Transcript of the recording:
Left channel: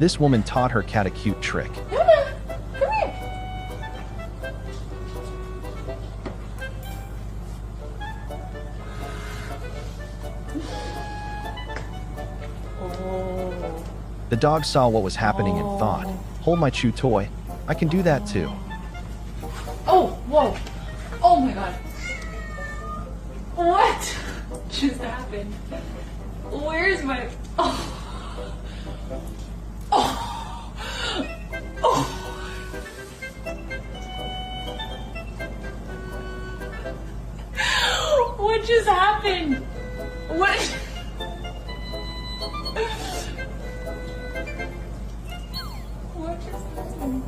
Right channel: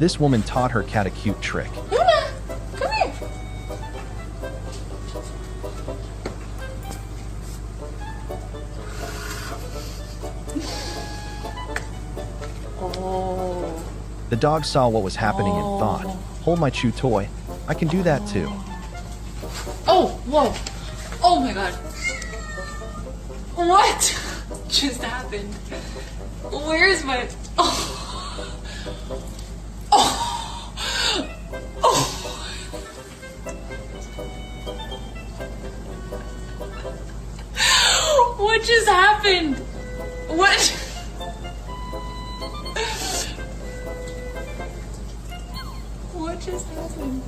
This woman taught her cat a cute trick. Luna, come here. Oh. The dog saw what was happening and thought, hold my chew toy. I can do that too. Oh, whoa. Oh my god. What just happened? Where's my... Oh. Oh. Oh. What just happened? What? What just happened?